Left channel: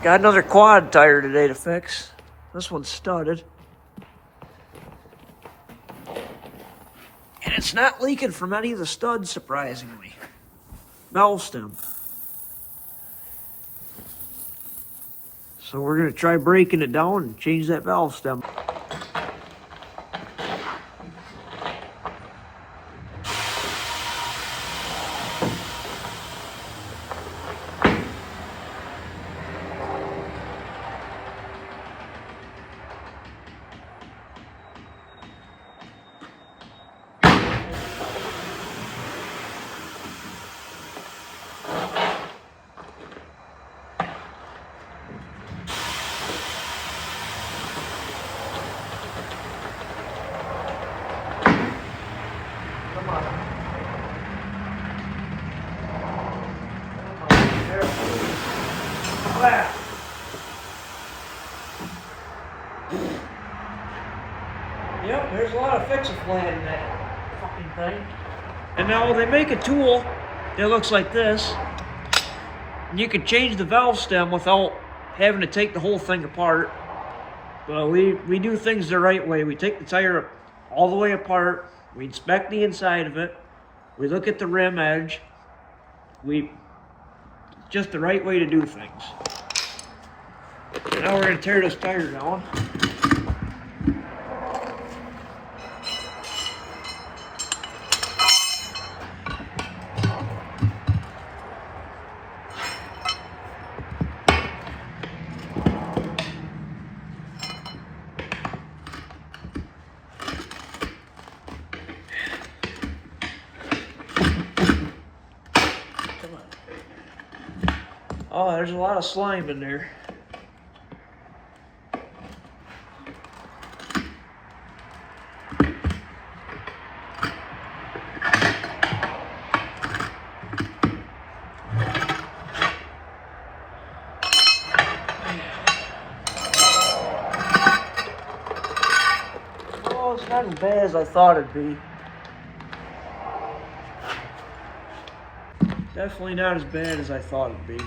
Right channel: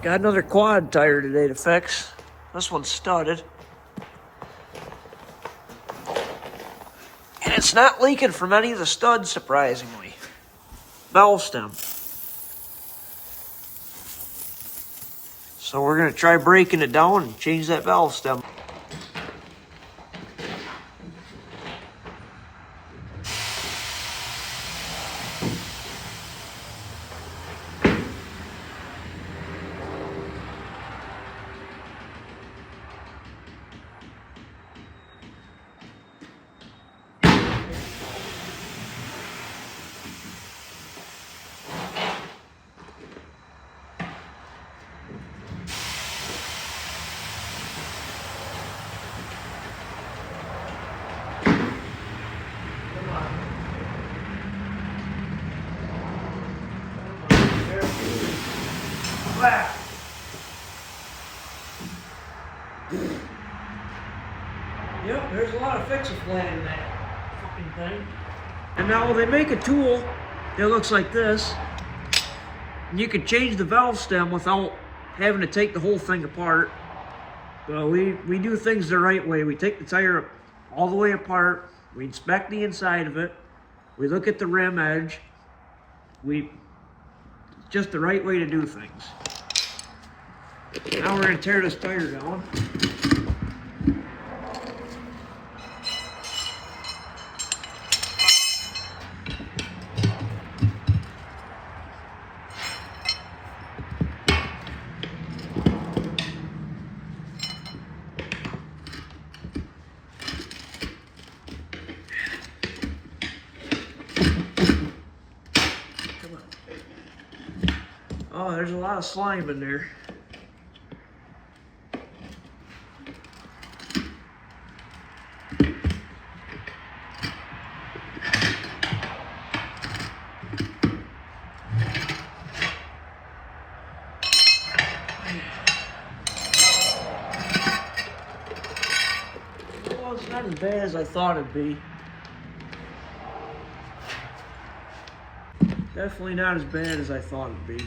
Got another quad tire today to fix. This one's studded. And it's not leaking from any of the studs, surprisingly. Valve stem. So we're going to try breaking it down and change that valve stem. Yep, there's a lot of fix-a-flan in that fucking thing. And now they make a tool that looks like this. And you can change the valve stem without having to take the whole thing apart. So we do things the right way. We take the tire all the way apart. We inspect the inside of it. We look at the rim edge. Just the right way to do things. Now we're going to tear this tire down. Oh, there's a lot of slime in there. Oh, it's not as bad as I thought it'd be. Definitely not as bad as I thought it'd be.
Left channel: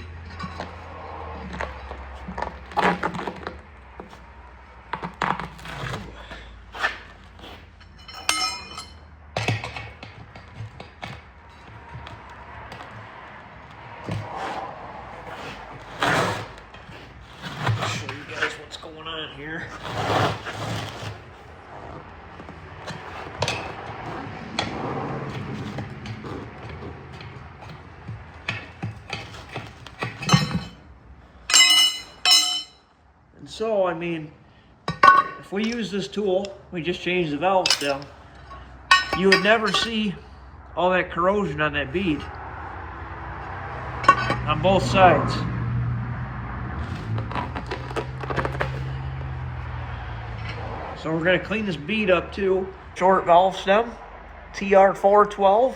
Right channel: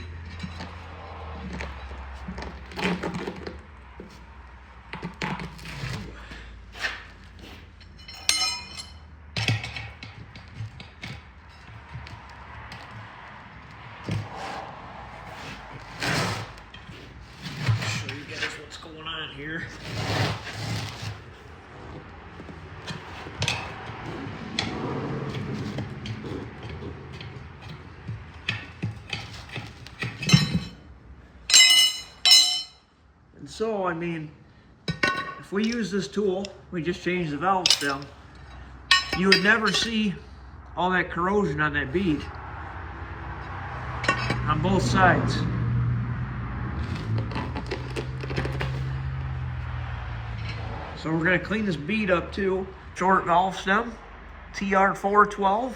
Show you guys what's going on here. And so, I mean, if we use this tool, we just change the valve stem, you would never see all that corrosion on that bead on both sides. So we're going to clean this bead up too. Short valve stem, TR412.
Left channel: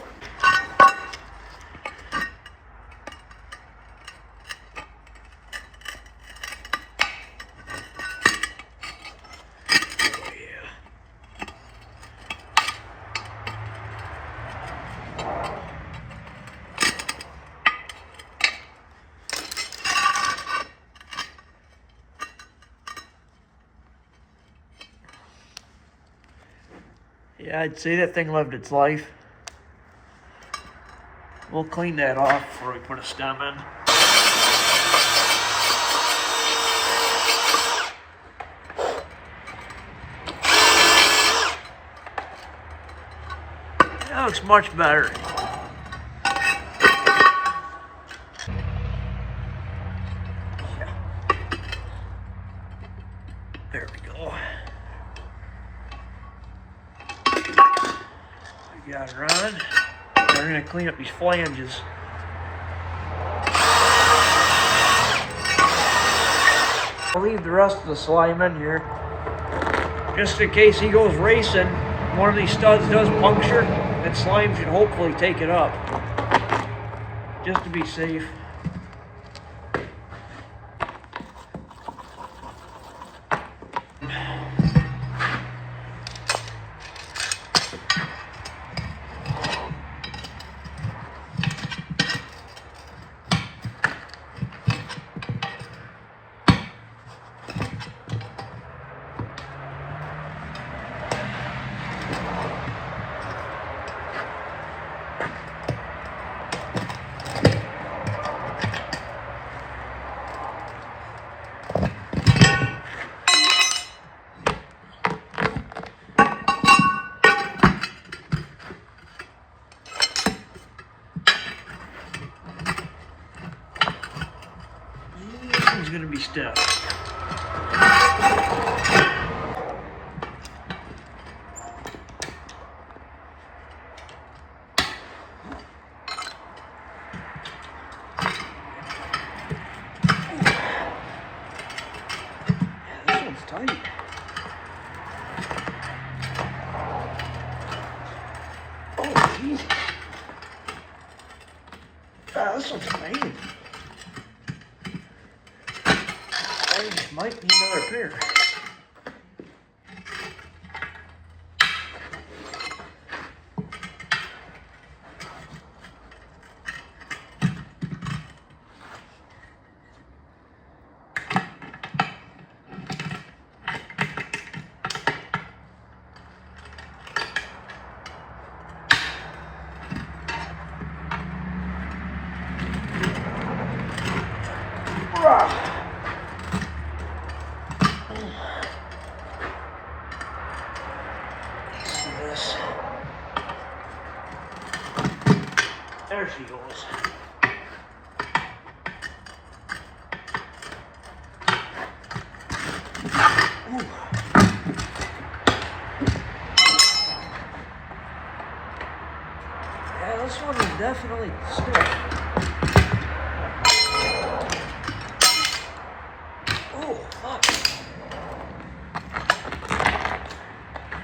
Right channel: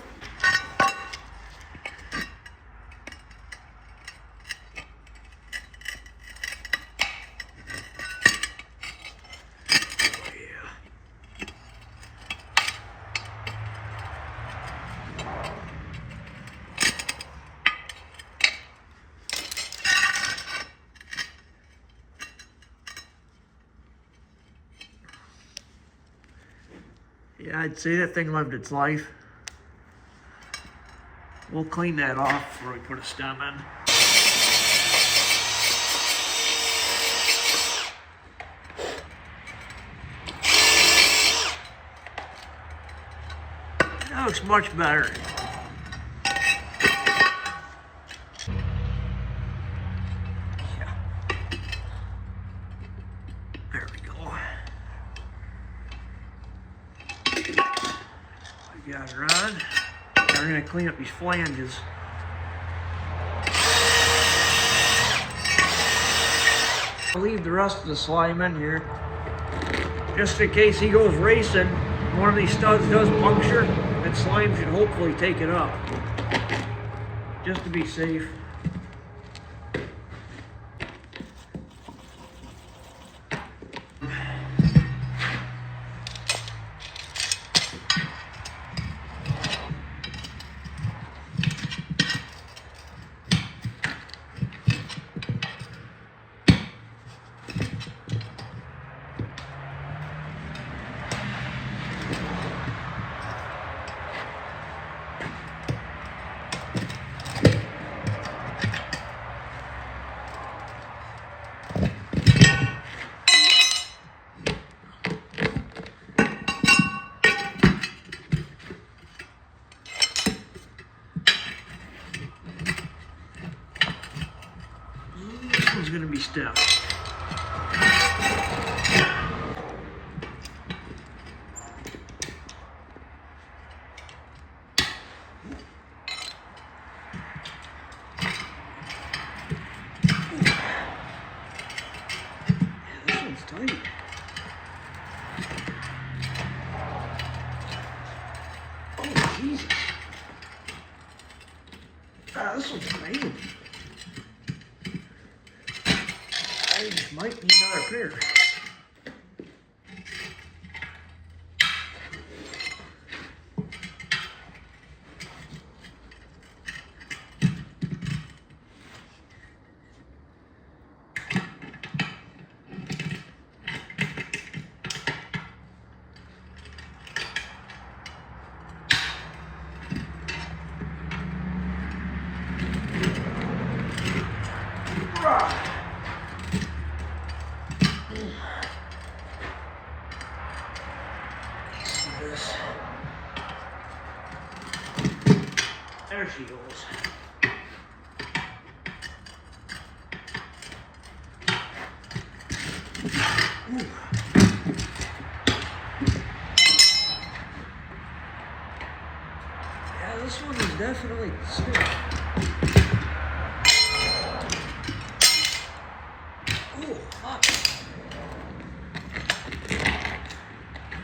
Yeah, I'd say that thing lived its life. We'll clean that off before we put a stem in. That looks much better. There we go. We got it on. We're going to clean up these flanges. I'll leave the rest of the slime in here. Just in case he goes racing, one of these studs does puncture, that slime should hopefully take it up. Just to be safe. This one's gonna be stiff. This one's tight. Oh, Jesus. This one's tight. I might need another pair. This. There she goes. Ooh. Yeah, this one is definitely stiff. Oh, fuck.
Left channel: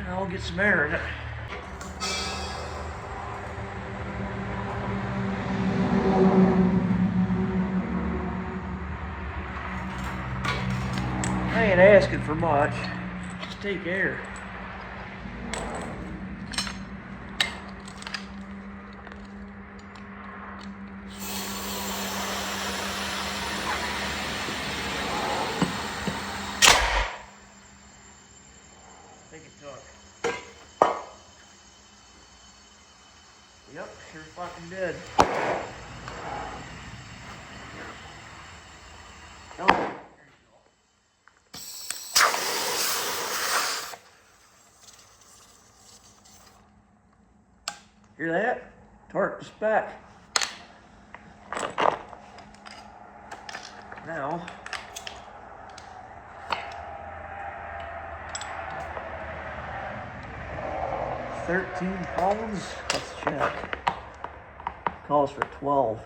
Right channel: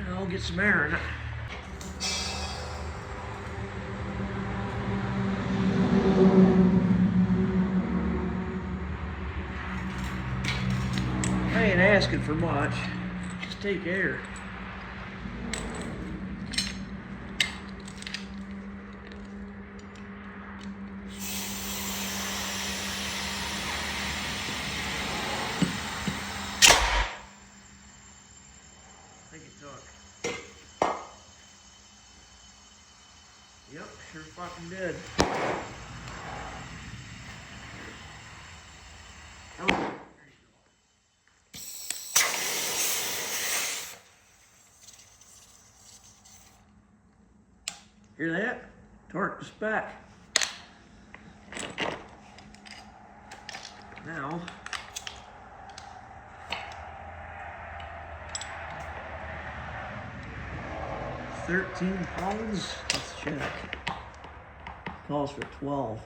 I'll get some air in it. I ain't asking for much. Just take air. I think it took. Yep, sure fucking did. Okay. Hear that? Torque is back. Now, £13. Let's check. Calls for 12.